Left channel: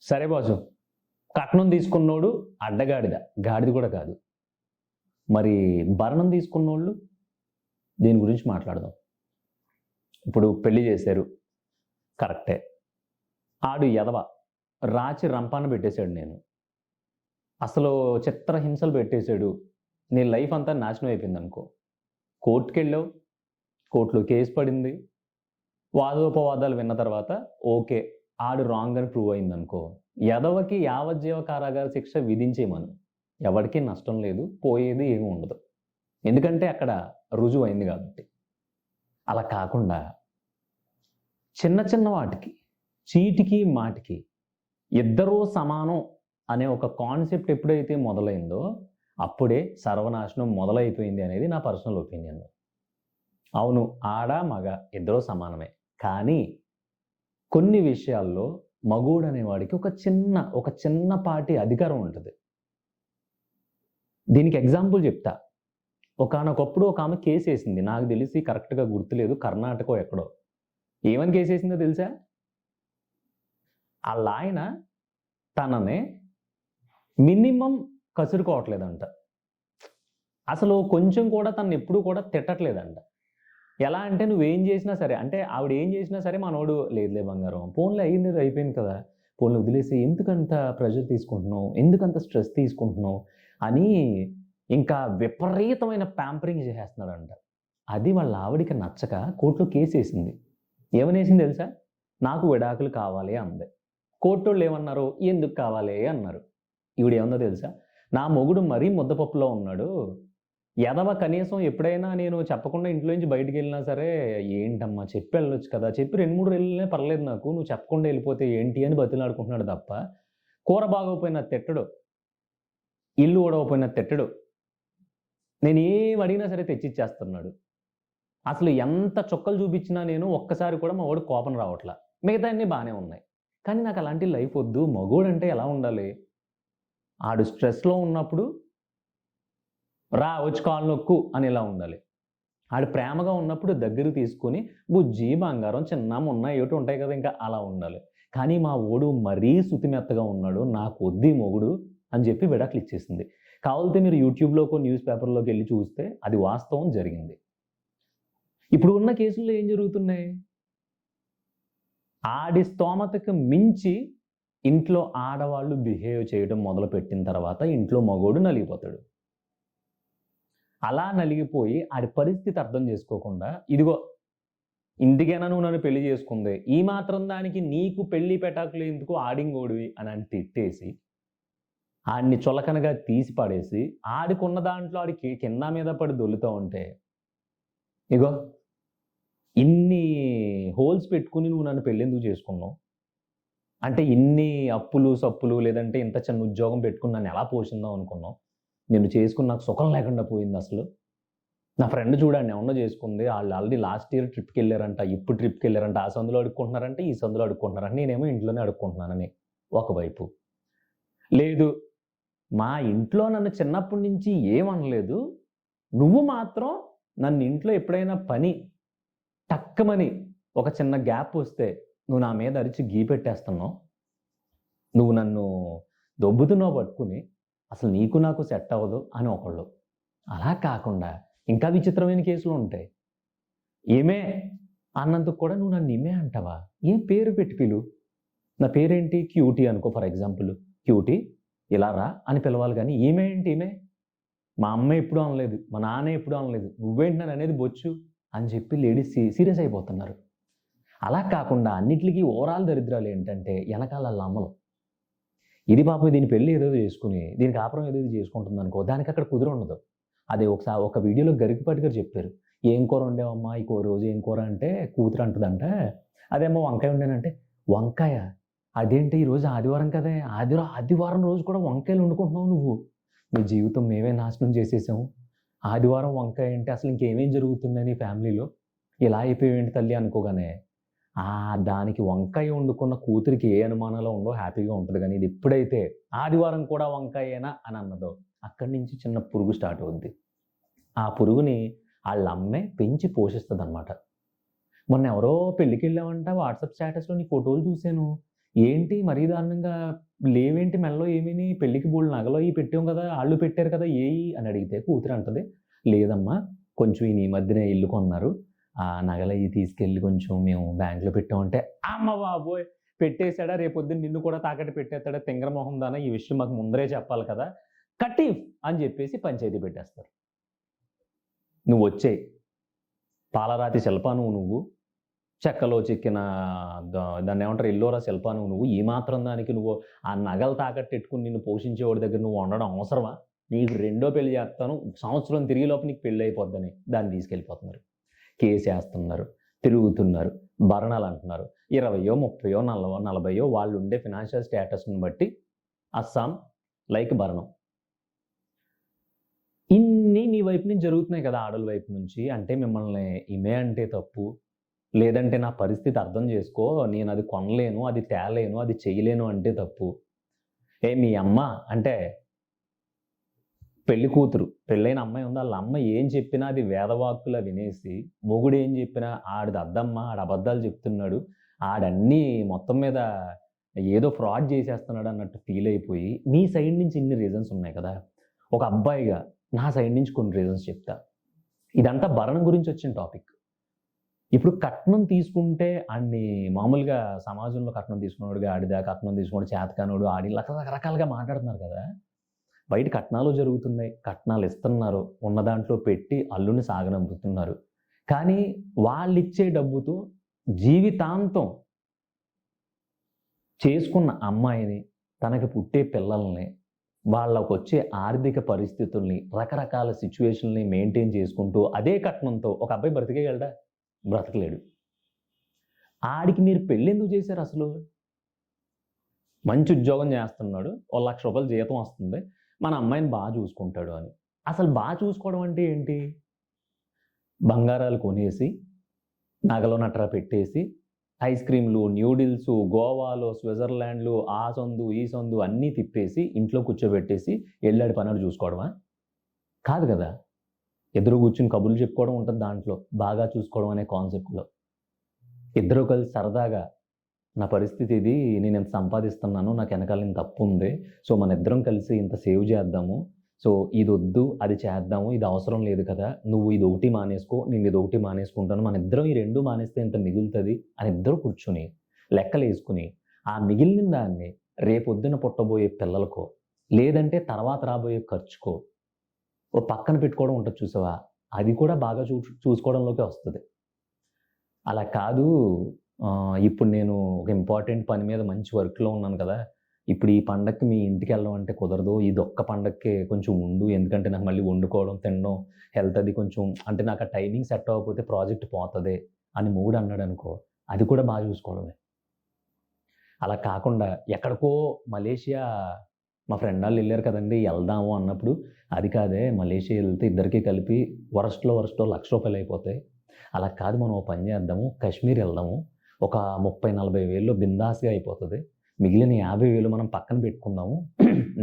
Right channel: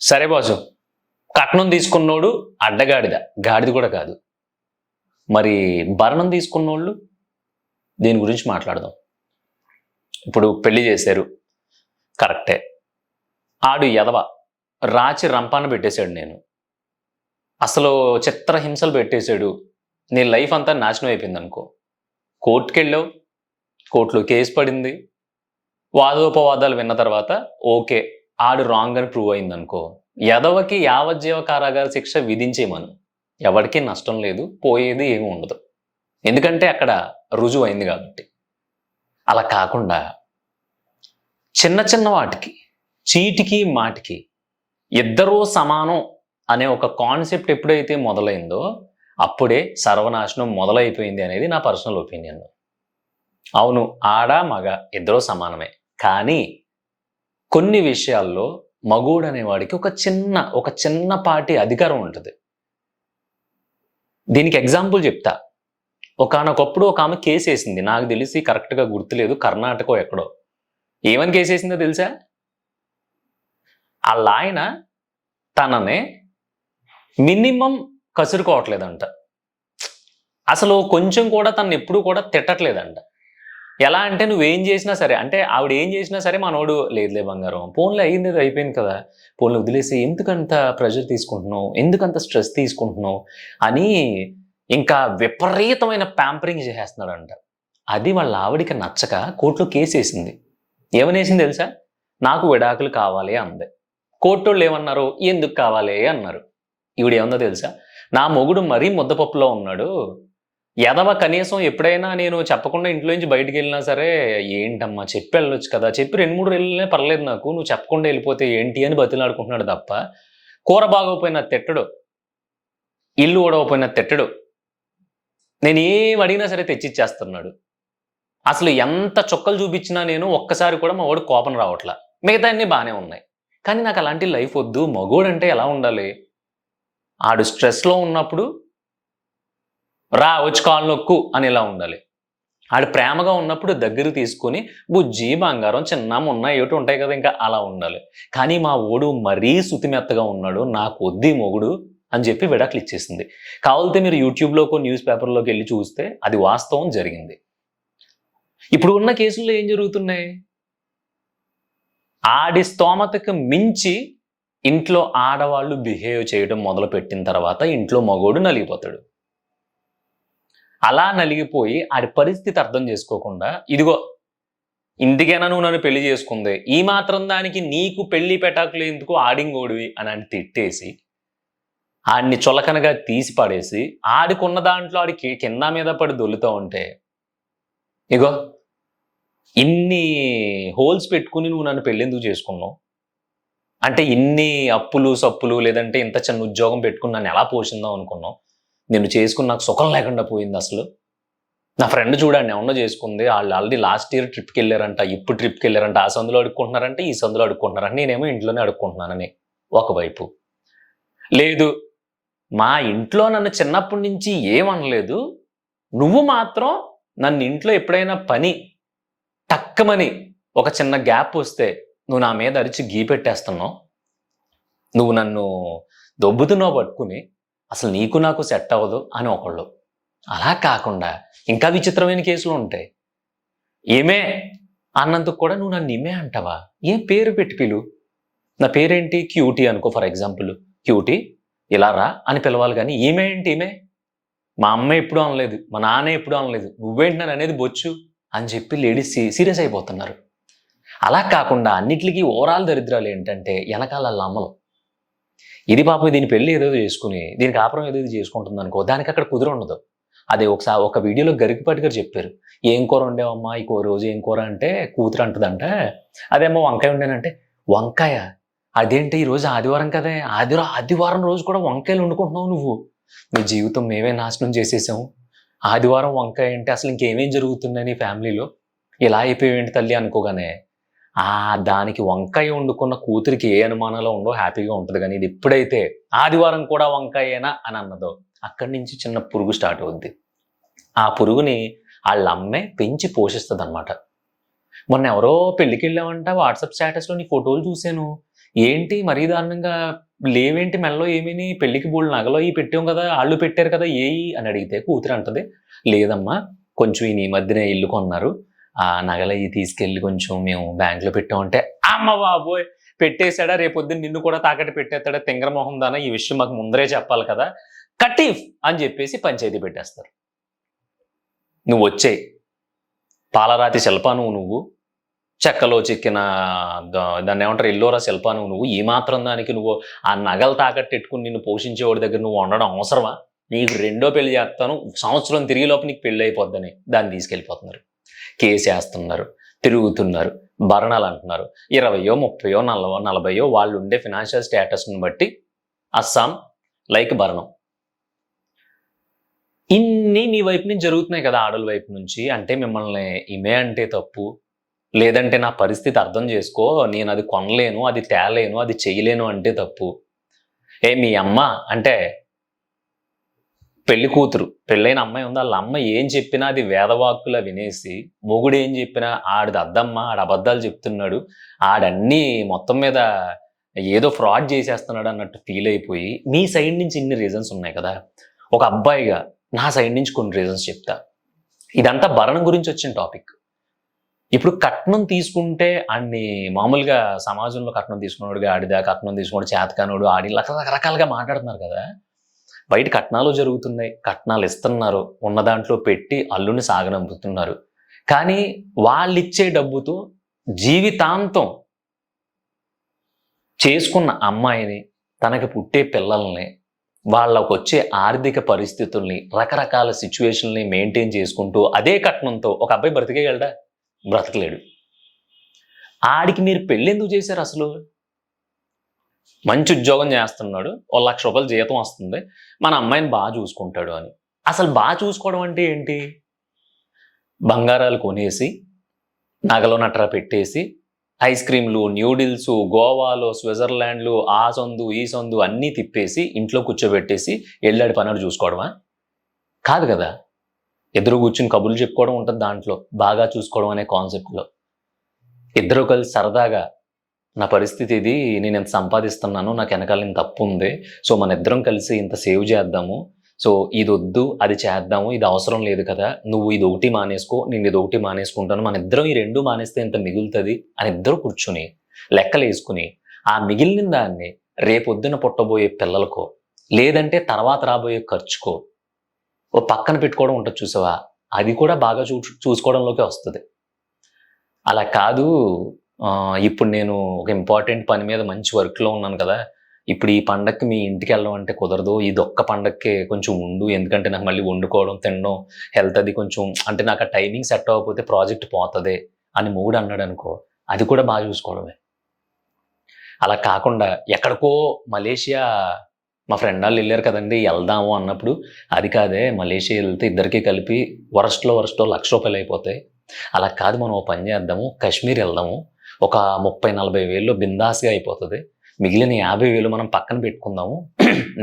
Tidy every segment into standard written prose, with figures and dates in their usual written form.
సరే బాసు, కట్నం తీసుకున్నోడు అడ్డగాడిద, గాడిద కూడా కాదు. మరి భరణం తీసుకున్నోళ్ళు దీని గురించి మాట్లాడదాం. ఇప్పుడు పెళ్లి చేశారు, కరెక్టే. ఆడు ఎదవ రాచి రంపాన పెట్టేశాడు. నేను అసలు చిత్రహింసలు పెట్టేశాడు. నీ లైఫ్ అంతా నాశనం అయిపోయింది అనుకో. కోర్టుకి వెళ్ళావు, కోర్టులో కేసు పడింది, వాదోపవాదాలు విన్న తర్వాత ఓకే ఆడు రాంగ్ అని ప్రూవ్ అయింది అనుకో, ఎదవకి యావజ్జీవ కారాగార శిక్ష విధించేమను. ఎవరికి నష్టం లేదు, పోయేది ఏమి ఉండదు. ఎందుకంటే అక్కడ రుజువు అయింది కాబట్టి. అలా కాకుండా చిన్న చిన్న వాటికి, చీటికి మాటికి ఇద్దరూ సమానం అనే ఒక కాన్సెప్ట్ ఎప్పుడైతే మొదలైందో అప్పుడే సర్వనాశనం మొదలైపోయింది అనేది నా పర్సనల్ ఒపీనియన్. అవును, ఆడ మగ ఇద్దరూ సమానమే. కానీ కొన్ని విషయాల్లో మగోడు అనేవాడికి ఒక చిన్నపాటి అధికారం ఉంటుంది. దీనికి ఎగ్జాంపుల్ చెప్తా. ఒకానొకప్పుడు ఒక ఆమె కేసు వేసింది, నాకు తెలిసి కరెక్ట్గా గుర్తులేదు, కర్ణాటక ఎక్కడో. ఏమని కేసు వేసిందో తెలుసా? వాళ్ళ ఆయన తననే మినిమం కసురుకోవట్లేదంట. అసలు కొంచెం కూడా తను ఎప్పుడు కూడా తిట్టట్లేదంట. ఎలా అంటే నువ్వేం చేసినా సరే, అంటే ఆవిడ ఏం చేసినా సరే మనోడు లేదులే బంగారం, ఫోన్లో అయ్యింది అయిపోయింది కదా, ఫోన్లో వదిలేసి ఎందుకంత ప్రెషర్ తీసుకుంటున్నావు, ఎందుకంత స్ట్రెస్ తీసుకుంటున్నావు అని ఇంకా విపరీతమైన ప్యాంపరింగ్ చేసేస్తున్నాడంట. అది వాళ్ళ ఆవిడికి నచ్చక కోర్టులో కేసు వేసింది. ఏమనేసింది తెలుసా? నాకు విడాకులు కావాలి అంది. కోర్టు వాళ్ళు ఏమన్నారు? ఎందుకు కావాలి అన్నారు. ఈవిడ ఏమన్నా తెలుసా? నా మొగుడు మరీ ముద్దపప్పులో ఉన్నాడు, ఎదవ కనీసం ఎప్పుడైనా నేను చెప్పకుండా ఇంట్లో నుంచి బయటికి వెళ్ళినా సరే, ఏంటమ్మా చెప్పి వెళ్ళొచ్చు కదా, చెప్పి 2-3 వెళ్ళినా పర్లేదు నాకు, నువ్వు చెప్పకుండా వెళ్ళిపోతే ఏంటి అని బతిలాడుకుంటున్నాడు తప్ప కూర బాగోపోయినా తిట్టడు, ఇల్లు ఊడవపోయినా తిట్టడు, నేను ఏం అడిగినా సరే తెచ్చిచ్చేస్తున్నాడు. అసలు ఎంత చుక్కలు చూపించినా నేను ఒక్కసారి కూడా మా వాడు కోపం రావట్లా, మిగతా అన్నీ బాగానే ఉన్నాయి. కానీ నాకు అలాంటి లైఫ్ వద్దు. మగోడంటే ఎలా ఉండాలి? ఆడు స్ట్రెస్లో ఉన్నప్పుడు రా వచ్చి కాలు నొక్కు అని ఎలా ఉండాలి. ఆడు ప్రేమగా ఉన్నప్పుడు దగ్గర తీసుకొని బుజ్జి బంగారం చిన్న మొన్న ఏమిటి ఉంటాయి కదా, ఇంకా అలా ఉండాలి. కానీ మా ఓడు మరీ సుతిమెత్తగా ఉన్నాడు, నాకు వద్ది మొగుడు అని చెప్పి విడాకులు ఇచ్చేసింది. కావాలితే మీరు యూట్యూబ్లోకో న్యూస్ పేపర్లోకి వెళ్ళి చూస్తే అది వాస్తవం జరిగింది. ఇప్పుడు ఉన్న కేసుల్లో ఏం జరుగుతున్నాయి? ఆడి స్తోమతకు మించి ఇంట్లో ఆడవాళ్ళు బిహేవ్ చేయడం మొదలుపెట్టిన తర్వాత ఇంట్లో మగోడు నలిగిపోతాడు. అలా నలిగిపోయి ఆడి పరిస్థితి అర్థం చేసుకోకుండా, ఇదిగో ఇందుకైనా నువ్వు నన్ను పెళ్లి చేసుకుంది, ఈ మాత్రం దానికి నీకు పెళ్లి పెటాకులు ఎందుకు, ఆడింగోడివి అని తిట్టేసి ఆడిని చులకనగా తీసి పడేసి ఆడికున్న దాంట్లో ఆడికి కింద మీద పడి దొల్లుతూ ఉంటే, ఇగో ఇన్ని హోల్స్ పెట్టుకుని నువ్వు నన్ను పెళ్ళెందుకు చేసుకున్నావు, అంటే ఇన్ని అప్పులు సప్పులు లేదంటే ఇంత చిన్న ఉద్యోగం పెట్టుకుని నన్ను ఎలా పోషిందాం అనుకున్నావు, నేను చేసుకుని నాకు సుఖం లేకుండా పోయింది. అసలు నా ఫ్రెండ్ చూడండి ఎవరో చేసుకుంది, వాళ్ళు ఆల్రెడీ లాస్ట్ ఇయర్ ట్రిప్కి వెళ్ళారంట, ఇప్పుడు ట్రిప్కి వెళ్ళారంట, ఆ సందులో అడుక్కుంటున్నారంటే ఈ సందులో అడుక్కుంటున్నారంట, నేనేమో ఇంట్లోనే అడుక్కుంటున్నానని ఒకవైపు. లేదు, మా ఇంట్లో నన్ను చిన్నప్పటి నుంచి ఏమనలేదు, నువ్వు మాత్రం నన్ను ఇంట్లో ఎప్పుడైనా పని టక్కమని ఒక చిన్న గ్యాప్ వస్తే నువ్వు నా మీద అరిచి గీ పెట్టేస్తున్నావు, నువ్వు నన్ను దొబ్బుతున్నావు పట్టుకుని, అసలు నీకు నాకు సెట్ అవ్వదు అని ఒకళ్ళు. అలా కాకుండా ఇంకా విచిత్రమైన కేసులు ఉంటాయి. ఏమే అన్నందుకు కూడా నువ్వు నన్ను ఇమే అంటావా? ఏం పేరు పెట్టి పిలు, నా పేరేంటి క్యూటీ అనుకో ఫర్ ఎగ్జాంపుల్, క్యూటీ ఇలా రా అని పిలవాలి. కానీ ఈమె ఏంటి ఈమె, మా అమ్మ ఎప్పుడూ అనలేదు, మా నాన్న ఎప్పుడూ అనలేదు, నువ్వేంటి నన్ను అనేది బొచ్చు అని చెప్పి లేడీస్ సీరియస్ అయిపోతున్నారు. అలా కాకుండా అన్నిటికీ ఓవరాల్ దరిద్రాలు ఏంటంటే వెనకాల అమ్మలు, ఇది పాపం దీని పెళ్ళి ఏదో చేసుకుని దీనికి కాపురం ఏదో చేసుకుంటుంది అనుకో, దానికి అక్కడ కుదురు ఉండదు. అదే ఒకసారి ఒక వీడియోలో గరికపాటి గారు చెప్పారు, ఏం కూర ఉండేవమ్మా ఈ రోజు ఏం కూర అంటే కూతురు అంటుందంట, అదేమో వంకాయ ఉండేనంటే, వంకాయ అదేంటి ఈరోజు ఆదివారం కదే, ఆదివారం రోజు కూడా వంకాయలు వండుకుంటున్నావు నువ్వు, నీ జీవితం మేమే నాశనం చేసేసాము, ఆదివారం వంకాయ అంటే అసలు ఇంకేమేం జరుగుతున్నాయి నీ ఫ్యామిలీలో, ఇలా అయిపోయేంటి తల్లి అనుకోగానే దానికి వంకాయ వండుకున్న కూతురికి ఏ అనుమానాలు ఉండో హ్యాపీగా ఉంటుంది. కానీ ఇది ఎప్పుడైతే ఆదివారం కూడా వంకాయేనా అని అన్నదో అక్కడి నుంచి చిన్న పురుగు స్టార్ట్ అవుద్ది. ఆ పురుగుని వాళ్ళ అమ్మే పెంచి పోషిస్తుంది అనమాట. మొన్న ఎవరో పెళ్ళికి వెళ్ళామంట, వాట్సాప్ స్టేటస్లో నీ ఫోటోలు చూశాను, ఏంటి మరీ దారుణంగా లేవేంటి మెడలో ఏమీని పెళ్ళికి బోలెడు నగలు అయి పెట్టాం కదా! ఆళ్ళు పెట్టారు కదా! ఏయి అని అడిగితే కూతురు అంటది, "లేదమ్మా కొంచెం ఈయన ఈ మధ్యనే ఇల్లు కొన్నారు. ఆ నగలయి తీసుకెళ్ళి కొంచెం మేము బ్యాంక్‌లో పెట్టాం" అంటే, అమ్మ బాబోయ్! పెట్టేసాడా రేపొద్దున నిన్ను కూడా తాకట్టు పెట్టేత్తాడా తింగర మొహం దానా! ఈ విషయం మాకు ముందరే చెప్పాలి కదా! కటీఫ్ అని చెప్పేసి పంచాయతీ పెట్టేస్తారు. "నువ్వొచ్చేయి. పాలరాతి శిల్పానివి నువ్వు. చెక్కలో చెక్కిన దాన్నేమంటారు ఎల్లోరా శిల్పానివి నువ్వు. ఈ మాత్రం దానికి నువ్వు ఆ నగలు తాకట్టెట్టుకొని నిన్ను పోషించేవాడి దగ్గర నువ్వు ఉండడం అవసరమా? నీకు రెండో పెళ్లి చేత్తాను. సంవత్సరం తిరిగేలోపు నీకు పెళ్లయిపోద్దని" దాన్ని తీసుకెళ్ళిపోతున్నారు. కేసేస్తున్నారు. తిరుగుతున్నారు. భరణాలంటున్నారు. 20, 30, 40 వాళ్ళుండే ఫైనాన్షియల్ స్టేటస్‌ని బట్టి అస్సాం లైక్ భరణం. ఇన్ని మీ వైపు నుంచి జరుగుతున్నాయి కదా! ఆడోళ్ళ వైపు నుంచి. అంటే మిమ్మల్ని ఈమె అంటే తప్పు. లేదంటే నా పరిస్థితి అర్థం చేసుకో. నేనది కొనలేను, అది తేలేను, అది చేయలేను అంటే తప్పు. మీ అమ్మ అంటే పెళ్లి కూతురు, పెళ్ళైన అమ్మాయి ఉంది. ఆళ్ళ అమ్మ ఏం చెప్పినా అది వేదవాక్కులా వినేసి, మొగుడేం చెప్పినా ఆడిది అద్దమ్మ, ఆడు అబద్ధాలు చెప్తున్నాడు. ఆడన్నీ మొత్తం మీద ఏదో ఫ్రాడ్ చేసేస్తున్నాడు అన్నట్టు ఫీల్ అయిపోయి, మీ సైడ్ నుంచి ఇన్ని రీజన్స్ ఉన్నాయి కదా! ఒక అబ్బాయిగా నా సైడ్ నుంచి కొన్ని రీజన్స్ చెప్తా. ఇదంతా భరణం గురించి వచ్చిన టాపిక్. ఇప్పుడు కట్నం తీసుకుంటే ఆడిని మామూలుగా సమాజంలో కట్నం తీసుకున్నోడు గాడిద, కట్నం తీసుకున్నోడు చేతకానోడు, ఆడి రకరకాలుగా మాట్లాడుతున్నారు కదా! బయట కట్నాలు జరుగుతున్నాయి. కట్నాలు ఇస్తున్నారు. ఉన్న దాంట్లో పెట్టి అల్లుడిని సాగనంపుతున్నారు. కానీ వాళ్ళిచ్చే డబ్బుతో జీవితాంతం చేసుకున్న అమ్మాయిని, తనకి పుట్టే పిల్లల్ని, వాళ్ళకొచ్చే ఆర్థిక పరిస్థితుల్ని, రకరకాల సిట్యుయేషన్‌ని మెయింటైన్ చేసుకుంటూ అదే కట్నంతో ఒక అబ్బాయి బ్రతికేయగలడా? బ్రతకలేడు. ఆడికి మీరు పెళ్ళెందుకు చేశారసలు? మంచి ఉద్యోగం చేస్తున్నాడు. ఓ రూ. 1,00,000 జీతం వస్తుంది. మన అమ్మాయిని చూసుకుంటాడు అని. అసలు చూసుకోవడం అంటే ఏంటి? బంగారాలు కొనేసి, నగలు నట్రా పెట్టేసి, ఐస్ క్రీమ్‌లు, న్యూడిల్సు, గోవాలో, స్విట్జర్లాండ్‌లో ఆ సందు, ఈ సందు అన్నీ తిప్పేసి, ఇంట్లో కూర్చోబెట్టేసి, ఎళ్ళాడి పనాడు చూసుకోవడమా? కాదు గదా! ఇద్దరు కూర్చొని కబుర్లు చెప్పుకోవడం ఉంటది దాంట్లో. బాగా చూసుకోవడం అనే కాన్సెప్ట్‌లో. ఇద్దరు కలిసి సరదాగా నా పరిస్థితి ఇది. నేనింత సంపాదిస్తున్నాను. నాకు ఎనకాల ఇంత అప్పుంది. సో, మనిద్దరం కలిసి ఇంత సేవ్ చేద్దాము. సో, ఇదొద్దు, అది చేద్దాము. ఇది అవసరం లేదు కదా! నువ్వు ఇదొకటి మానేసుకో. నేను ఇదొకటి మానేసుకుంటాను. మనిద్దరం ఈ 2 మానేస్తే ఇంత మిగులుతది అని ఇద్దరు కూర్చొని, లెక్కలేసుకొని, ఆ మిగిలిన దాన్ని రేపొద్దున పుట్టబోయే పిల్లలకో, లేదంటే తర్వాత రాబోయే ఖర్చుకో, ఓ పక్కన పెట్టుకోవడం ఉంటది చూసావా? అది కూడా బాగా చూసుకోవడంలోకే వస్తది. అలా కాదు ఇప్పుడు నేను ఒక ఇంపార్టెంట్ పని మీద మంచి వర్క్‌లో ఉన్నాను కదా! ఇప్పుడు ఈ పండక్కి మీ ఇంటికెళ్ళడం అంటే కుదరదు. ఇదొక్క పండక్కే కొంచెం ఉండు. ఎందుకంటే నాకు మళ్ళీ వండుకోవడం, తినడం, హెల్త్ అది కొంచెం అంటే నాకు ఆ టైమింగ్ సెట్ అవ్వకపోతే ప్రాజెక్ట్ పోతది అని మొగుడు అన్నాడనుకో, అది కూడా చూసుకోవడమే. అలా కాకుండా ఎక్కడికో మలేషియా మా ఫ్రెండ్ ఆళ్ళు ఎళ్లారు కదండీ! ఎళ్దాము అన్నప్పుడు, అది కాదే మలేషియా ఎళ్తే ఇద్దరికీ కలిపి వరస్ట్‌లో వరస్ట్ రూ. 1,00,000 అయిపోతాయి. అలా కాదు మనం ఓ పని చేద్దాము. కాశ్మీర్ ఎళ్దాము. ఒక 30, 40,000లో బిందాస్‌గా అయిపోతది. మిగిలిన 50,000 మనం పక్కన పెట్టుకుందాము.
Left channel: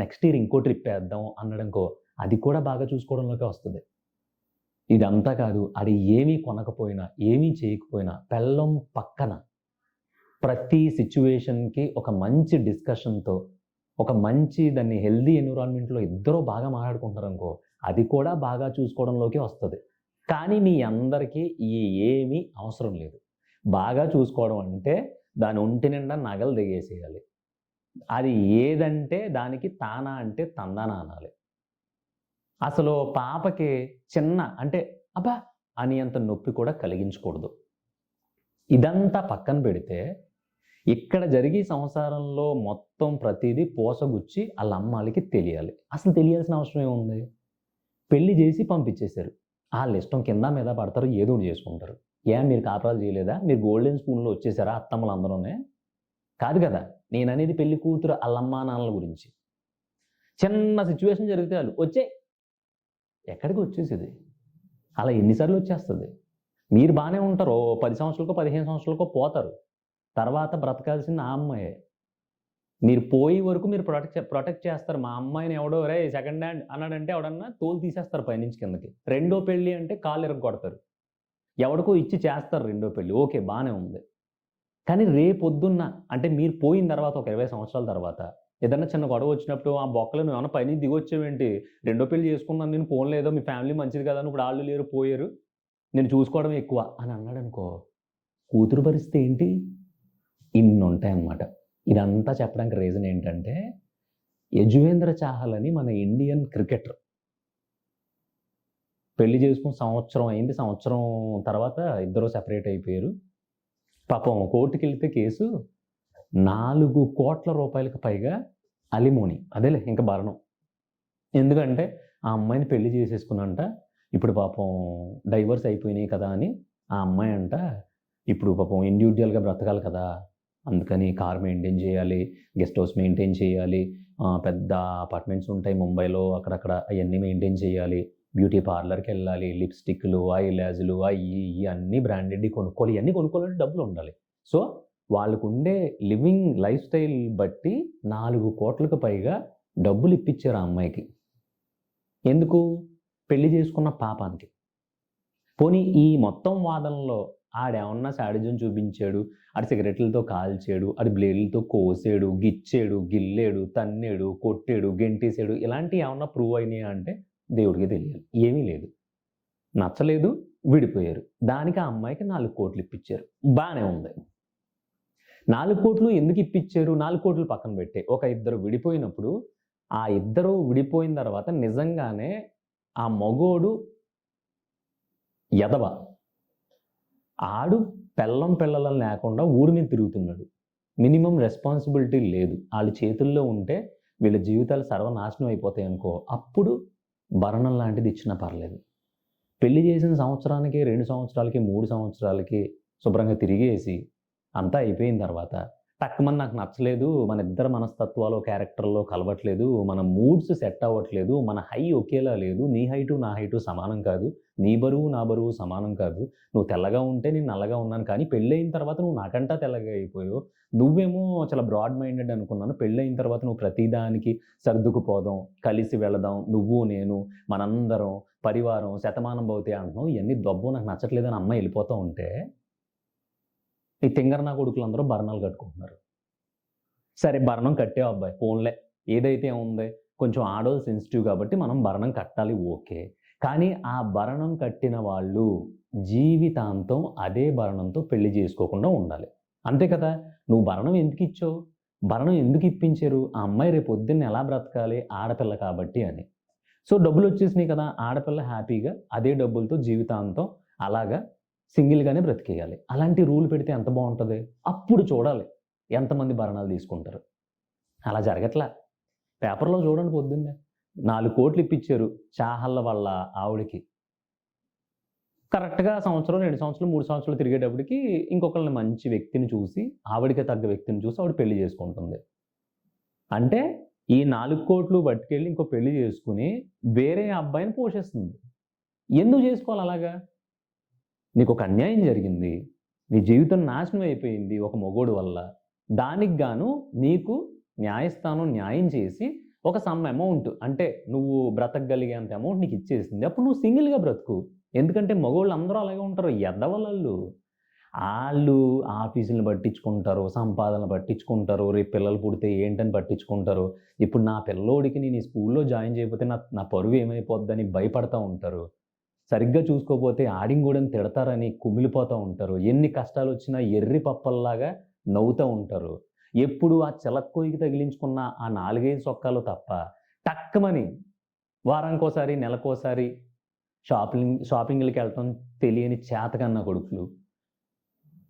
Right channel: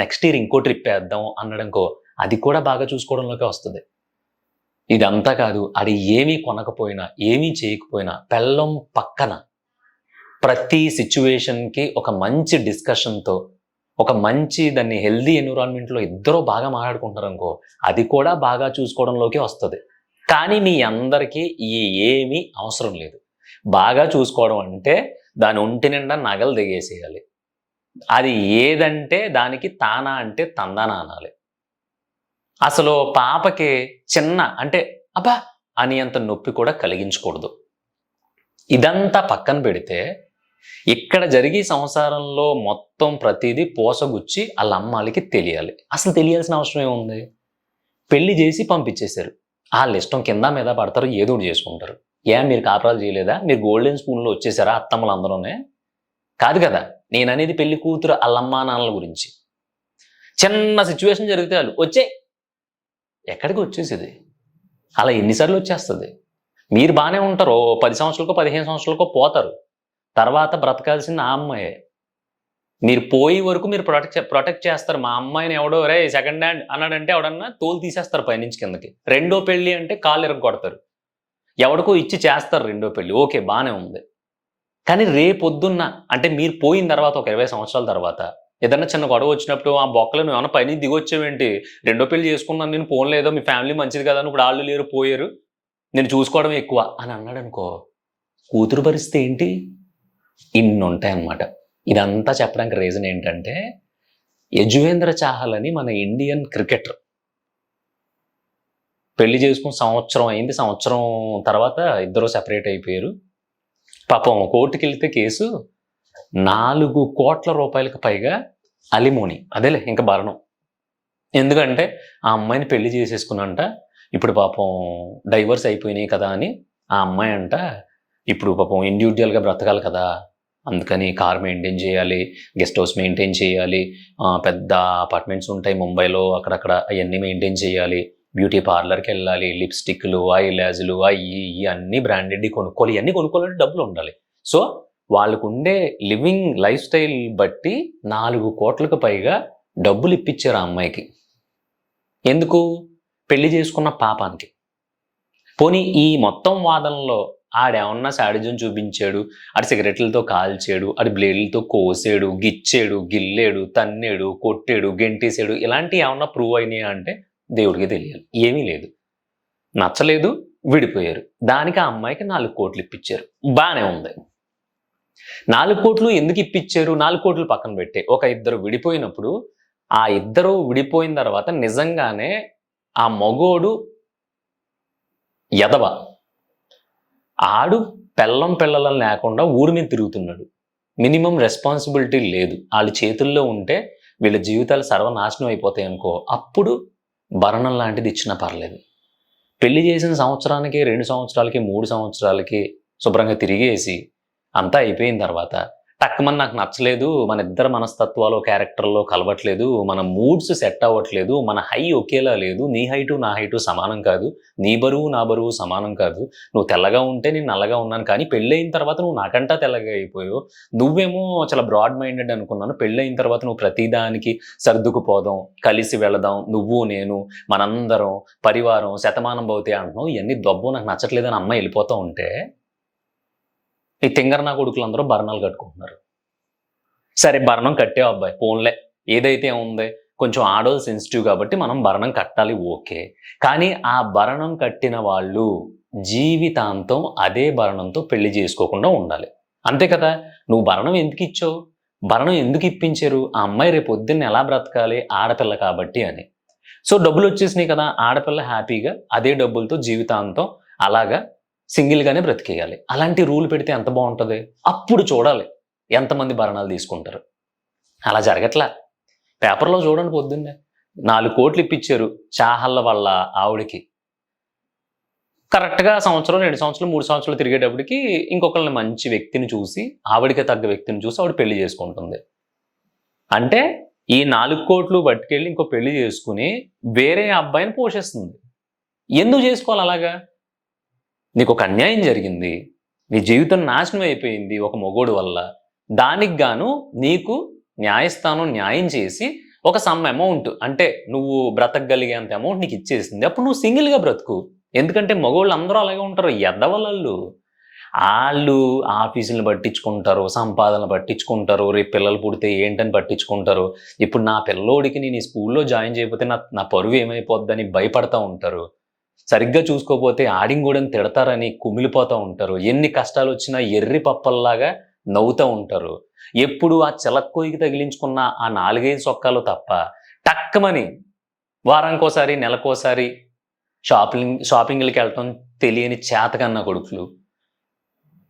నెక్స్ట్ ఇయర్ ఇంకో ట్రిప్ ఏద్దాం అన్నాడనుకో, అది కూడా బాగా చూసుకోవడంలోకే వస్తది. ఇదంతా కాదు, ఆడు ఏమీ కొనకపోయినా, ఏమీ చేయకపోయినా, పెళ్ళాం పక్కన ప్రతి సిట్యుయేషన్‌కి ఒక మంచి డిస్కషన్‌తో, ఒక మంచి దాన్ని హెల్తీ ఎన్విరాన్మెంట్‌లో ఇద్దరు బాగా మాట్లాడుకుంటున్నారనుకో, అది కూడా బాగా చూసుకోవడంలోకే వస్తది. కానీ మీ అందరికీ ఏమీ అవసరం లేదు. బాగా చూసుకోవడం అంటే దాని ఒంటి నిండా నగలు దిగేసేయాలి. అది ఏదంటే దానికి తానా అంటే తందానా అనాలి. అసలు పాపకి చిన్న అంటే అబ్బా! అనేంత నొప్పి కూడా కలిగించకూడదు. ఇదంతా పక్కన పెడితే, ఇక్కడ జరిగే సంసారంలో మొత్తం ప్రతీదీ పూసగుచ్చి ఆళ్ళ అమ్మాళ్ళకి తెలియాలి. అసలు తెలియాల్సిన అవసరం ఏముంది? పెళ్లి జేసి పంపించేసారు. ఆళ్ళిష్టం కింద మీద పడతారు. ఏదో ఒకటి చేసుకుంటారు. మీరు కాపురాలు చేయలేదా? మీరు గోల్డెన్ స్పూన్‌లో వచ్చేసారా అత్తమ్మలందరూనే? కాదు కదా! నేననేది పెళ్లి కూతురు ఆళ్ళమ్మా, నాన్నల గురించి. చిన్న సిట్యుయేషన్ జరిగితే చాలు "వచ్చేయి" ఎక్కడికి వచ్చేసేది? అలా ఎన్ని సార్లు వచ్చేస్తది? మీరు బానే ఉంటారు. ఓ 10 సంవత్సరాలకో, 15 సంవత్సరాలకో పోతారు. తర్వాత బ్రతకాల్సింది ఆ అమ్మాయే. మీరు పోయే వరకు మీరు ప్రొటెక్ట్ చేస్తారు. మా అమ్మాయిని ఎవడో "ఒరేయ్! సెకండ్ హ్యాండ్" అన్నాడంటే ఎవడన్నా తోలు తీసేస్తారు పైనుంచి కిందకి. రెండో పెళ్లి అంటే కాళ్ళు ఇరగ్గొడతారు. ఎవడికో ఇచ్చి చేస్తారు రెండో పెళ్లి. ఓకే. బానే ఉంది. కానీ రేపొద్దున్న అంటే మీరు పోయిన తర్వాత ఒక 20 సంవత్సరాల తర్వాత ఏదన్నా చిన్న గొడవ వచ్చినప్పుడు ఆ బొక్కలో నువ్వేమన్నా పైనుంచి దిగొచ్చావేంటి? రెండో పెళ్లి చేసుకున్నాను నేను పోన్లేదో మీ ఫ్యామిలీ మంచిది కదా! అని ఇప్పుడు ఆళ్ళు లేరు పోయారు. నేను చూసుకోవడం ఎక్కువ అని అన్నాడనుకో, కూతురు పరిస్థితి ఏంటి? ఇన్నుంటాయన్నమాట. ఇదంతా చెప్పడానికి రీజన్ ఏంటంటే, యజువేంద్ర చాహల్ అని మన ఇండియన్ క్రికెటర్. పెళ్లి చేసుకొని సంవత్సరం అయింది. సంవత్సరం తర్వాత ఇద్దరు సెపరేట్ అయిపోయారు. పాపం కోర్టుకెళ్తే కేసు ₹4,00,00,000 పైగా అలిమోని. అదేలే ఇంక భరణం. ఎందుకంటే ఆ అమ్మాయిని పెళ్లి చేసేసుకునంట. ఇప్పుడు పాపం డైవర్స్ అయిపోయినాయి కదా! అని ఆ అమ్మాయంట ఇప్పుడు పాపం ఇండివిడ్యుయల్‌గా బ్రతకాలి కదా! అందుకని కార్ మెయింటైన్ చేయాలి. గెస్ట్ హౌస్ మెయింటైన్ చేయాలి. పెద్ద అపార్ట్మెంట్స్ ఉంటాయి ముంబైలో అక్కడక్కడ అయన్నీ మెయింటైన్ చేయాలి. బ్యూటీ పార్లర్‌కెళ్ళాలి. లిప్‌స్టిక్‌లు, ఐలాష్‌లు అయ్యి, ఇయ్యి అన్నీ బ్రాండెడ్‌యి కొనుక్కోవాలి. ఇయన్నీ కొనుక్కోవాలంటే డబ్బులుండాలి. సో, వాళ్ళకుండే లివింగ్ లైఫ్ స్టైల్ బట్టి 4,00,00,000కి పైగా డబ్బులిప్పిచ్చారు ఆ అమ్మాయికి. ఎందుకు? పెళ్లి చేసుకున్న పాపానికి. పోనీ ఈ మొత్తం వాదనలో ఆడేమన్నా శాడిజం చూపించాడు, ఆడు సిగరెట్లతో కాల్చాడు, ఆడు బ్లేడ్‌లతో కోసాడు, గిచ్చాడు, గిల్లాడు, తన్నాడు, కొట్టాడు, గెంటేసాడు ఇలాంటియేమన్నా ప్రూవ్ అయినాయా అంటే దేవుడికే తెలియాలి. ఏమీ లేదు. నచ్చలేదు, విడిపోయారు. దానికి ఆ అమ్మాయికి 4,00,00,000 ఇప్పిచ్చారు. బానే ఉంది. 4,00,00,000 ఎందుకు ఇప్పిచ్చారు? 4,00,00,000 పక్కన పెట్టేయి. ఒక ఇద్దరు విడిపోయినప్పుడు, ఆ ఇద్దరు విడిపోయిన తర్వాత నిజంగానే ఆ మగోడు ఎదవ. ఆడు పెళ్ళం, పిల్లలని లేకుండా ఊరి మీద తిరుగుతున్నాడు. మినిమమ్ రెస్పాన్సిబిలిటీ లేదు. ఆళ్ళ చేతుల్లో ఉంటే వీళ్ళ జీవితాలు సర్వనాశనం అయిపోతాయనుకో, అప్పుడు భరణం లాంటిది ఇచ్చినా పర్లేదు. పెళ్లి చేసిన సంవత్సరానికి, 2 సంవత్సరాలకి, 3 సంవత్సరాలకి శుభ్రంగా తిరిగేసి, అంతా అయిపోయిన తర్వాత టక్కుమని నాకు నచ్చలేదు, మన ఇద్దరి మనస్తత్వాలు, క్యారెక్టర్‌లో కలవట్లేదు, మన మూడ్స్ సెట్ అవ్వట్లేదు, మన హై ఒకేలా లేదు, నీ హైటు, నా హైటు సమానం కాదు, నీ బరువు, నా బరువు సమానం కాదు, నువ్వు తెల్లగా ఉంటే నేను నల్లగా ఉన్నాను, కానీ పెళ్లయిన తర్వాత నువ్వు నాకంటా తెల్లగా అయిపోయావు, నువ్వేమో చాలా బ్రాడ్ మైండెడ్ అనుకున్నాను, పెళ్లయిన తర్వాత నువ్వు ప్రతిదానికి సర్దుకుపోదాం, కలిసి వెళదాం, నువ్వు, నేను, మనందరం, పరివారం, శతమానం భవతి అంటున్నావు, ఇయన్నీ దొబ్బు నాకు నచ్చట్లేదని అమ్మాయి ఎళ్ళిపోతా ఉంటే ఈ తింగరనా కొడుకులందరూ భరణాలు కట్టుకుంటున్నారు. సరే భరణం కట్టావు అబ్బాయి పోన్లే. ఏదైతే ఉంది కొంచెం ఆడోళ్ళు సెన్సిటివ్ కాబట్టి మనం భరణం కట్టాలి ఓకే. కానీ ఆ భరణం కట్టిన వాళ్ళు జీవితాంతం అదే భరణంతో పెళ్లి చేసుకోకుండా ఉండాలి. అంతే కదా! నువ్వు భరణం ఎందుకిచ్చావు? భరణం ఎందుకు ఇప్పించారు? ఆ అమ్మాయి రేపొద్దున్న ఎలా బ్రతకాలి ఆడపిల్ల కాబట్టి అని. సో డబ్బులొచ్చేసినాయి కదా! ఆడపిల్ల హ్యాపీగా అదే డబ్బులతో జీవితాంతం అలాగా సింగిల్‌గానే బ్రతికేయాలి. అలాంటి రూల్ పెడితే ఎంత బావుంటది? అప్పుడు చూడాలి ఎంతమంది భరణాలు తీసుకుంటారు. అలా జరగట్లా. పేపర్‌లో చూడండి పొద్దున్నే 4,00,00,000 ఇప్పిచ్చారు చాహళ్ళ వాళ్ళ ఆవిడకి. కరెక్ట్‌గా సంవత్సరం, 2 సంవత్సరాలు, 3 సంవత్సరాలు తిరిగేటప్పటికి ఇంకొకళ్ళని మంచి వ్యక్తిని చూసి, ఆవిడకి తగ్గ వ్యక్తిని చూసి ఆవిడ పెళ్లి చేసుకుంటుంది. అంటే ఈ 4,00,00,000 పట్టుకెళ్ళి ఇంకో పెళ్లి చేసుకొని వేరే అబ్బాయిని పోషిస్తుంది. ఎందుకు చేసుకోవాలి అలాగా? నీకొక అన్యాయం జరిగింది. నీ జీవితం నాశనం అయిపోయింది ఒక మొగోడు వల్ల. దానికి గాను నీకు న్యాయస్థానం న్యాయం చేసి ఒక సమ్ అమౌంట్ అంటే నువ్వు బ్రతకగలిగేంత అమౌంట్ నీకిచ్చేసింది. అప్పుడు నువ్వు సింగిల్‌గా బ్రతుకు. ఎందుకంటే మగోళ్ళందరూ అలాగే ఉంటారు. ఎదవలాళ్ళు. ఆళ్ళు ఆఫీసులను పట్టించుకుంటారు, సంపాదనలు పట్టించుకుంటారు, రేపు పిల్లలు పుడితే ఏంటని పట్టించుకుంటారు. ఇప్పుడు నా పిల్లోడికి నేను ఈ స్కూల్‌లో జాయిన్ చేయకపోతే నా పరువు ఏమైపోద్దని భయపడతా ఉంటారు. సరిగ్గా చూసుకోపోతే ఆడింగూడని తిడతారని కుమిలిపోతా ఉంటారు. ఎన్ని కష్టాలొచ్చినా ఎర్రి పప్పల్లాగా నవ్వుతా ఉంటారు. ఎప్పుడు ఆ చిలక్కొయ్యకి తగిలించుకున్న ఆ 4, 5 సొక్కాలు తప్ప టక్కుమని వారానికోసారి, నెలకోసారి షాపింగ్‌లకెళ్ళటం తెలియని చేతకన్న కొడుకులు.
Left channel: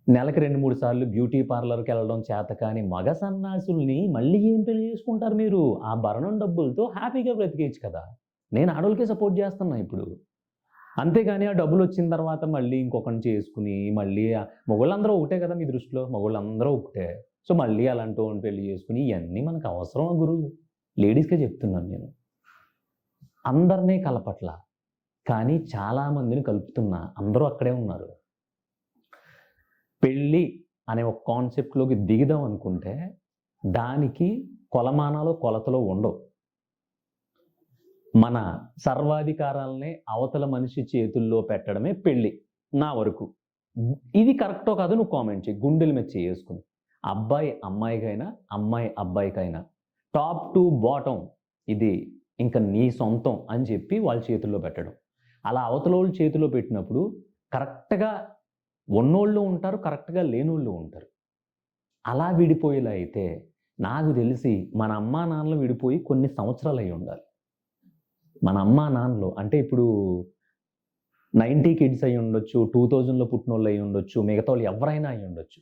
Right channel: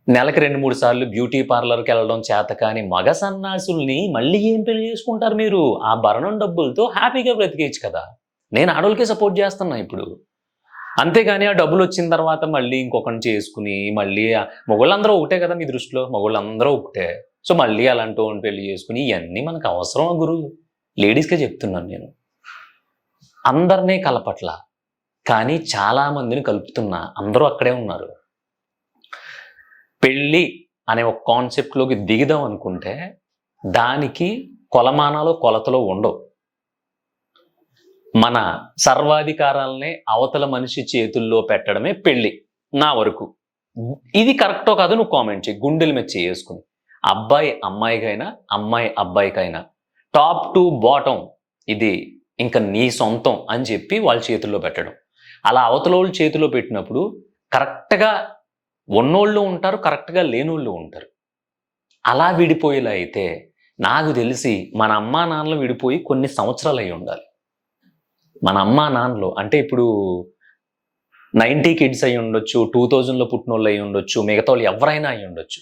నెలకి 2, 3 సార్లు బ్యూటీ పార్లర్‌కెళ్ళడం చేతకాని మగ సన్నాసుల్ని మళ్ళీ ఏం పెళ్లి చేసుకుంటారు మీరు? ఆ భరణం డబ్బులతో హ్యాపీగా బ్రతికేయొచ్చు కదా! నేను ఆడోళ్ళకే సపోర్ట్ చేస్తున్నా ఇప్పుడు. అంతేగాని ఆ డబ్బులొచ్చిన తర్వాత మళ్ళీ ఇంకొకడిని చేసుకొని, మళ్ళీ మొగోళ్ళందరూ ఒకటే కదా మీ దృష్టిలో. మగోళ్ళందరూ ఒకటే. సో, మళ్ళీ అలాంటోడిని పెళ్లి చేసుకొని ఇయన్నీ మనకు అవసరమా గురు? లేడీస్‌కే చెప్తున్నాను నేను. అందరిని కలపట్ల. కానీ చాలా మందిని కలుపుతున్నా. అందరూ అక్కడే ఉన్నారు. పెళ్లి అనే ఒక కాన్సెప్ట్‌లోకి దిగుదాం అనుకుంటే, దానికి కొలమానాలు, కొలతలు ఉండవు. మన సర్వాధికారాల్ని అవతల మనిషి చేతుల్లో పెట్టడమే పెళ్లి నా వరకు. ఇది కరెక్టో కాదో నువ్వు కామెంట్ చెయ్యి. గుండెల మీద చేసుకుని. అబ్బాయి అమ్మాయికైనా, అమ్మాయి అబ్బాయికైనా టాప్ టు బాటమ్ ఇది ఇంక నీ సొంతం అని చెప్పి వాళ్ళ చేతుల్లో పెట్టడం. అలా అవతలోళ్ళ చేతిలో పెట్టినప్పుడు కరెక్ట్‌గా ఉన్నోళ్ళు ఉంటారు, కరెక్ట్‌గా లేనోళ్ళు ఉంటారు. అలా విడిపోయేలా అయితే నాకు తెలిసి మన అమ్మా నాన్నలు విడిపోయి కొన్ని సంవత్సరాలు అయ్యి ఉండాలి. మన అమ్మా నాన్నలు అంటే ఇప్పుడు 90 కిడ్స్ అయ్యి ఉండొచ్చు, 2000లో పుట్టినోళ్ళు అయ్యి ఉండొచ్చు, మిగతావాళ్ళు ఎవరైనా అయ్యి ఉండొచ్చు.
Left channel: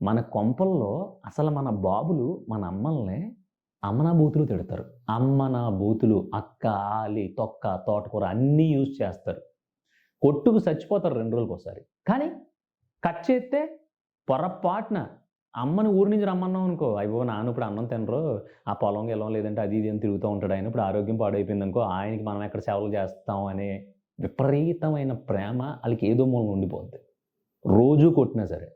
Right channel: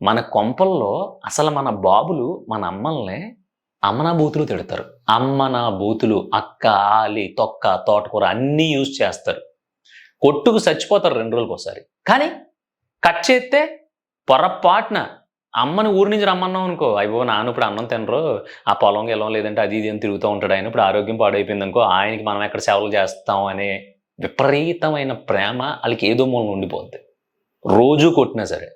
మన కొంపల్లో అసలు మన బాబులు మన అమ్మల్ని అమ్మనా బూతులు తిడతారు. అమ్మనా బూతులు, అక్క, ఆలి, తొక్క, తోటకూర అన్నీ యూజ్ చేస్తారు. కొట్టుకు చచ్చిపోతారు 2 రోజులకోసారి. కానీ కట్ చేస్తే పొరపాటున అమ్మని ఊరు నుంచి రమ్మన్నాం అనుకో, అయ్యో నాన్న ఇప్పుడు అన్నం తినరు, ఆ పొలం గిలం లేదంటే అది ఇది అని తిరుగుతూ ఉంటాడు ఆయన, ఇప్పుడు ఆరోగ్యం పాడైపోయిందనుకో, ఆయనకి మనం ఎక్కడ సేవలు చేస్తాం అనే విపరీతమైన ప్రేమ ఆళ్ళకి ఏదో మూలన ఉండిపోద్ది. రోజూ కొట్టినా సరే.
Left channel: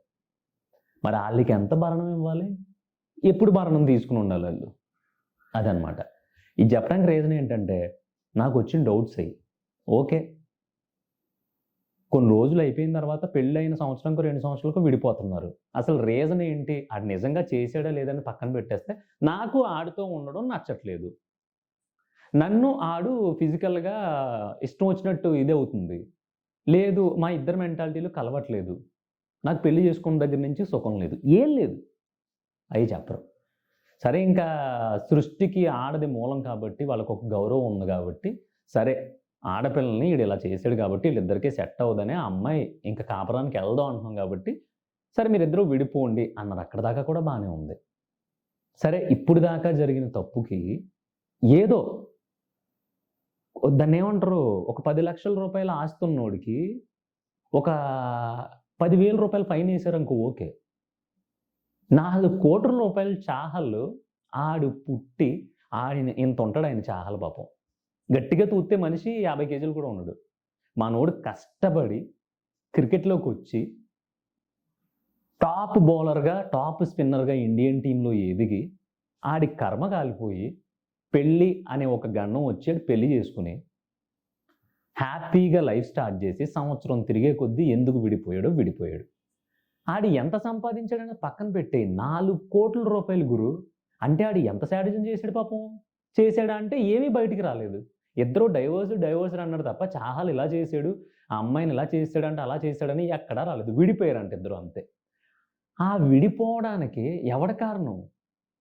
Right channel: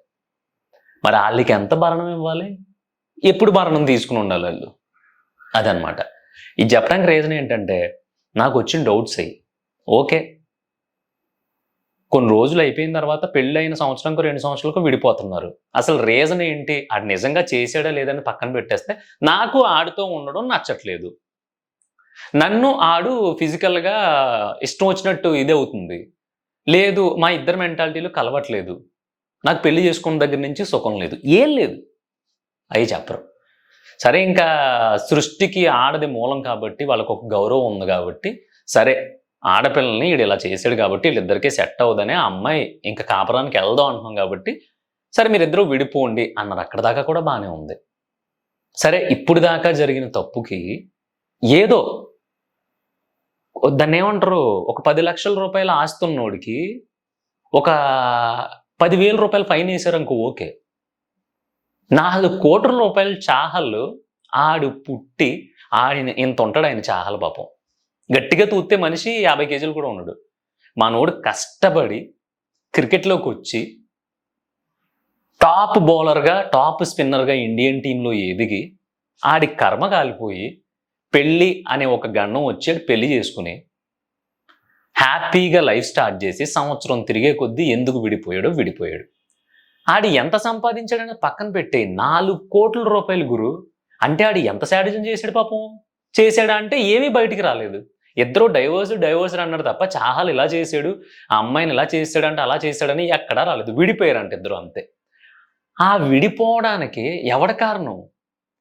మరి ఆళ్ళకి ఎంత భరణం ఇవ్వాలి? ఎప్పుడు భరణం తీసుకొని ఉండాలి ఆళ్ళు? అదనమాట. ఇది చెప్పడానికి రీజన్ ఏంటంటే నాకొచ్చిన డౌట్స్ అయ్యి. ఓకే. కొన్ని రోజులు అయిపోయిన తర్వాత పెళ్ళైన సంవత్సరంకో, 2 సంవత్సరాలకో విడిపోతున్నారు. అసలు రీజన్ ఏంటి? ఆడు నిజంగా చేసాడా లేదని పక్కన పెట్టేస్తే, నాకు ఆడితో ఉండడం నచ్చట్లేదు. నన్ను ఆడు ఫిజికల్‌గా ఇష్టం వచ్చినట్టు ఇదవుతుంది. లేదు మా ఇద్దరి మెంటాలిటీలు కలవట్లేదు. నాకు పెళ్లి చేసుకున్న దగ్గర నుంచి సుఖం లేదు. ఏం లేదు. అయి చెప్పరు. సరే ఇంకా సృష్టికి ఆడది మూలం కాబట్టి వాళ్ళకొక గౌరవం ఉంది కాబట్టి, సరే ఆడపిల్లల్ని ఈడు ఇలా చేసాడు కాబట్టి వీళ్ళిద్దరికీ సెట్ అవ్వదని ఆ అమ్మాయి ఇంక కాపురానికి ఎళ్దాం అంటున్నాం కాబట్టి, సరే మీరిద్దరూ విడిపోండి అన్నారు. అక్కడి దాకా కూడా బానే ఉంది. సరే ఇప్పుడు దాకా జరిగిన తప్పుకి ఏదో దాన్నేమంటారు? ఒక రూ. 10,00,000 ఆస్తున్నోడికి ఒక రూ. 10,000 ఫైనేసారనుకో ఓకే. రూ. 4,00,00,000 చాహల్లు ఆడు పుట్టి ఆడిన ఇంతుంటాడాయన చాహల్ పాపం. గట్టిగా తూస్తే మనిషి 50 కేజీలు కూడా ఉండడు. మనోడు కష్టపడి క్రికెట్‌లోకొచ్చి టాప్ బౌలర్‌గా, టాప్ స్పిన్నర్‌గా ఇండియన్ టీమ్‌లో ఎదిగి, ఆడి కర్మ కాలిపోయి, పెళ్లి అనే ఒక గండం వచ్చి ఆడు పెళ్లి చేసుకొని, హ్యాపీగా లైఫ్ స్టార్ట్ చేసి, సంవత్సరం తిరిగే కొద్దీ ఎందుకు విడిపోయాడో విడిపోయాడు. ఆడు ఎంత సంపాదించాడని పక్కన పెట్టేయి. రూ. 4,00,00,000 గురు. అంటే ఆడు ఎంత శాడిజం చేసాడు పాపం? చేసాడా అంటే ఏమీ బయటికి రాలేదు. ఇద్దరు డైవోర్స్డ్ అన్నాడు తప్ప చాహల్ ఇలా చేసాడు, ఆ అమ్మాయిని ఇలా చేసాడంటే అలా చేసాడని ఎక్కడా రాలేదు. విడిపోయారంట ఇద్దరు అంతే. ఆ విడిపోవడానికి ఎవడి కారణం?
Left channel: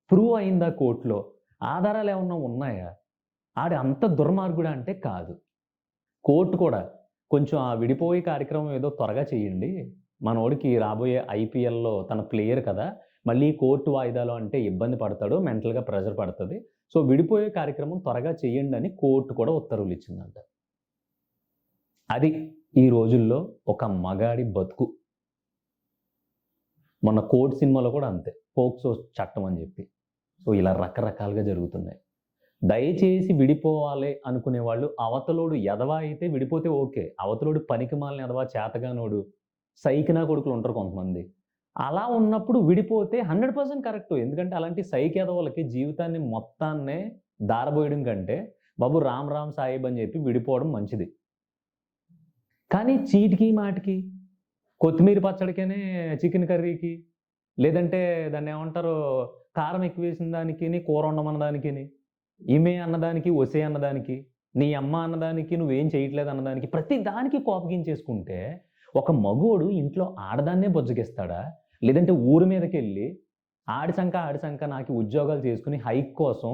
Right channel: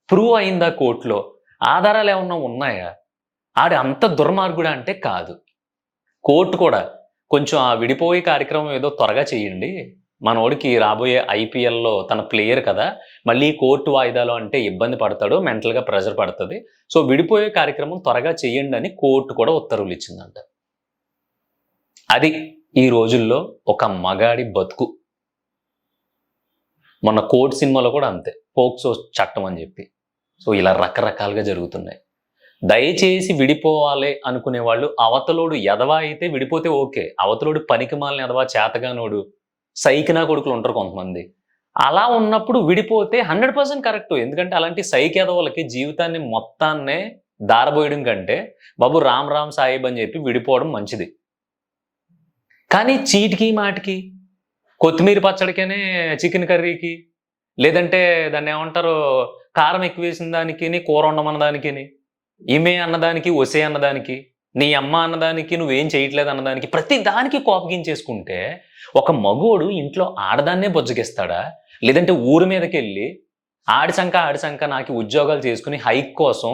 ప్రూవ్ అయిందా కోర్ట్‌లో? ఆధారాలు ఏమన్నా ఉన్నాయా? ఆడు అంత దుర్మార్గుడా అంటే కాదు. కోర్ట్ కూడా కొంచెం ఆ విడిపోయే కార్యక్రమం ఏదో త్వరగా చేయండి. మనోడికి రాబోయే ఐపీఎల్‌లో తన ప్లేయర్ కదా! మళ్ళీ కోర్టు వాయిదాలు అంటే ఇబ్బంది పడతాడు. మెంటల్‌గా ప్రెషర్ పడతది. సో, విడిపోయే కార్యక్రమం త్వరగా చేయండని కోర్ట్ కూడా ఉత్తర్వులు ఇచ్చిందంట. అది ఈ రోజుల్లో ఒక మగాడి బతుకు. మొన్న 'కోర్ట్' సినిమాలో కూడా అంతే. పోక్సో చట్టం అని చెప్పి. సో, ఇలా రకరకాలుగా జరుగుతున్నాయి. దయచేసి విడిపోవాలి అనుకునే వాళ్ళు అవతలోడు ఎదవ అయితే విడిపోతే ఓకే. అవతలోడు పనికిమాలిన ఎదవ, చేతగానోడు, సైకినా కొడుకులు ఉంటారు కొంతమంది. అలా ఉన్నప్పుడు విడిపోతే 100% కరెక్టు. ఎందుకంటే అలాంటి సైక్ ఎదవలకి జీవితాన్ని మొత్తాన్నే దారబోయడం కంటే, బాబు రామ్ రామ్ సాయిబ్ అని చెప్పి విడిపోవడం మంచిది. కానీ చీటికి మాటికి కొత్తిమీర పచ్చడికనే చికెన్ కర్రీకి, లేదంటే దాన్నేమంటారు కారం ఎక్కువేసిన దానికిని, కూర వండమన్న దానికిని, ఈమె అన్నదానికి, ఒసే అన్నదానికి, నీ అమ్మ అన్నదానికి, నువ్వేం చేయట్లేదు అన్నదానికి, ప్రతి దానికి కోపగించేసుకుంటే, ఒక మగోడు ఇంట్లో ఆడదాన్నే బుజ్జగిస్తాడా? లేదంటే ఊరు మీదకెళ్ళి ఆడి సంక నాకి ఉద్యోగాలు చేసుకొని హైక్ కోసం,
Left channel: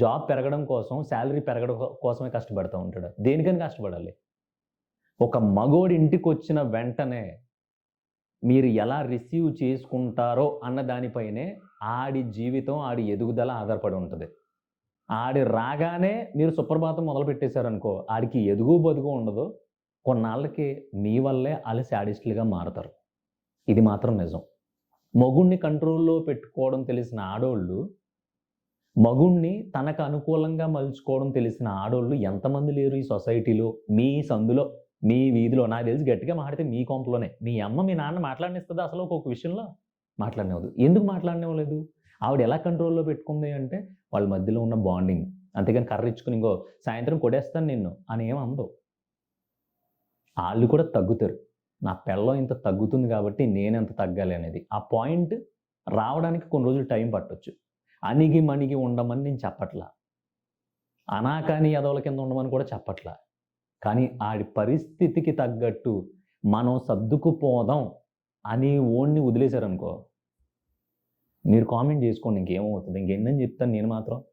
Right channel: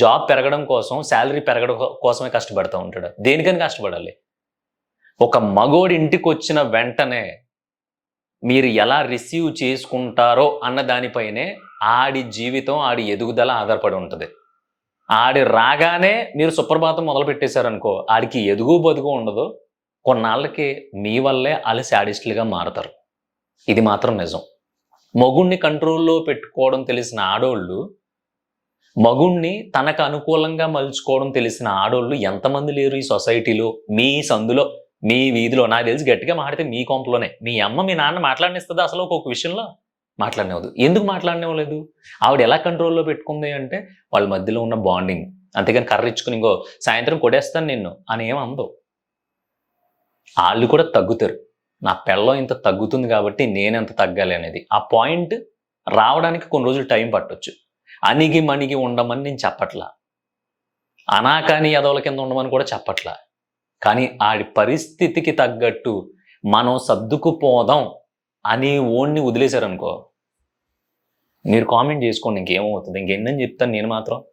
జాబ్ పెరగడం కోసం, సాలరీ పెరగడం కోసమే కష్టపడతా ఉంటాడా? దేనికని కష్టపడాలి? ఒక మగోడు ఇంటికొచ్చిన వెంటనే మీరు ఎలా రిసీవ్ చేసుకుంటారో అన్న దానిపైనే ఆడి జీవితం, ఆడి ఎదుగుదల ఆధారపడి ఉంటది. ఆడి రాగానే మీరు సుప్రభాతం మొదలుపెట్టేశారనుకో, ఆడికి ఎదుగు బొదుగు ఉండదు. కొన్నాళ్ళకి మీ వల్లే ఆళ్ళు శాడిస్టులుగా మారతారు. ఇది మాత్రం నిజం. మొగుడిని కంట్రోల్‌లో పెట్టుకోవడం తెలిసిన ఆడోళ్ళు, మగుడిని తనకు అనుకూలంగా మలుచుకోవడం తెలిసిన ఆడోళ్ళు ఎంతమంది లేరు ఈ సొసైటీలో, మీ సందులో, మీ వీధిలో. నాకు తెలిసి గట్టిగా మాట్లాడితే మీ కొంపలోనే. మీ అమ్మ, మీ నాన్న మాట్లాడనిస్తదా అసలు ఒక్కొక్క విషయంలో? మాట్లాడనివ్వదు. ఎందుకు మాట్లాడనివ్వలేదు? ఆవిడ ఎలా కంట్రోల్‌లో పెట్టుకుంది అంటే, వాళ్ళ మధ్యలో ఉన్న బాండింగ్. అంతేగాని కర్రిచ్చుకొని, ఇంగో సాయంత్రం కొట్టేస్తాను నిన్ను అని ఏమి అనదు. ఆళ్ళు కూడా తగ్గుతారు. నా పెళ్ళం ఇంత తగ్గుతుంది కాబట్టి నేనెంత తగ్గాలి అనేది. ఆ పాయింట్ రావడానికి కొన్ని రోజులు టైం పట్టొచ్చు. అణిగి మణిగి ఉండమని నేను చెప్పట్లా. అనాకాని ఎదవల కింద ఉండమని కూడా చెప్పట్లా. కానీ ఆడి పరిస్థితికి తగ్గట్టు మనం సర్దుకుపోదాం అని ఓడిని వదిలేశారనుకో, మీరు కామెంట్ చేసుకోండి ఇంకేమవుతుంది. ఇంకెన్నని చెప్తాను నేను మాత్రం.